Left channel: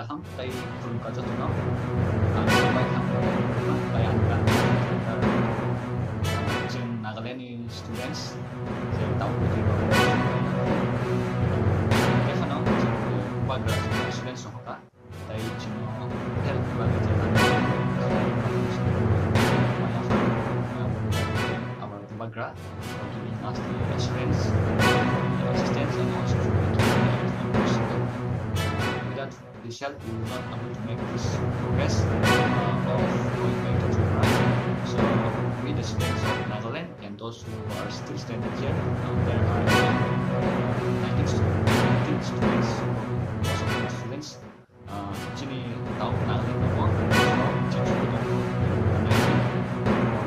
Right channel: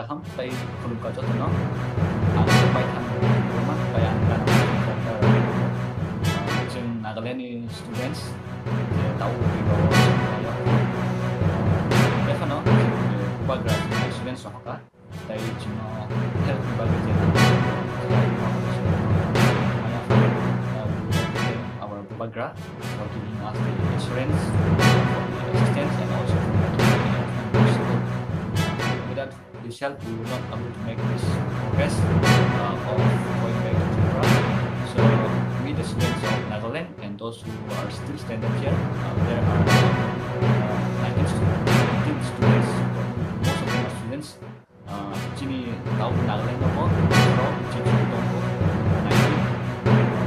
kaham kay kulum ka to no ang sabay kang rumah kay ang kan jeng Nagaland students tahu di bawah kayak biasa no ubah students no ka tay jino help bagi jalan selalu mampus maya our Bubagra for giving us the assurance assistance and also without this help we will not able to make this progress of going back to Tripura. So we the students of Nagaland and those who are still standing here, there are 19 students, most of them are students. Sini tahu Nagaland apa? So sini tahu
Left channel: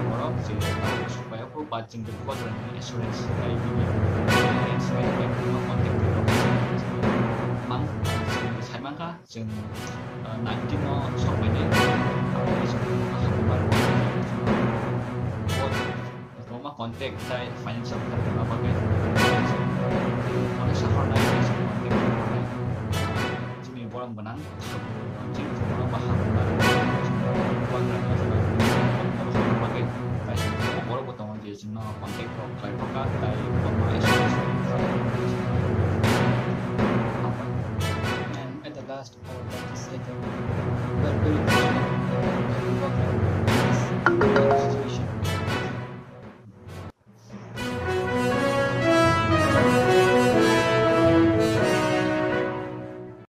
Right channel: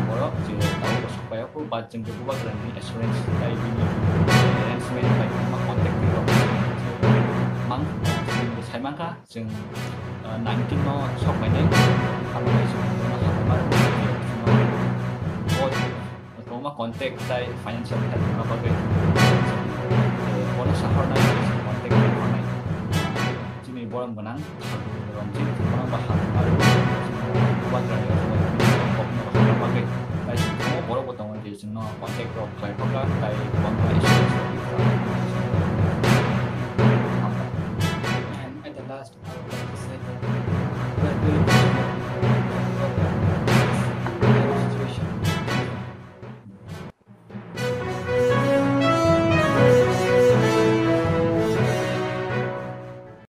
Borok, sini tahu supaya aku baca juga dengan assurance dari ini. Dan sini baik cuma kontak di Borok. Mang sini saya mangka, sini 19 no sok banyak. Apa sini akan baru. Kalau mah kontak dari financial dari berapa ke? Boleh sahur nanti kontak online. Sini boleh menang sebelum cuma bahan baru semua buat dan kok mereka berapa ke? Dari semua boleh potong aja semua kontak kok kayak apa dari online. And at the last, I would like to say that we're very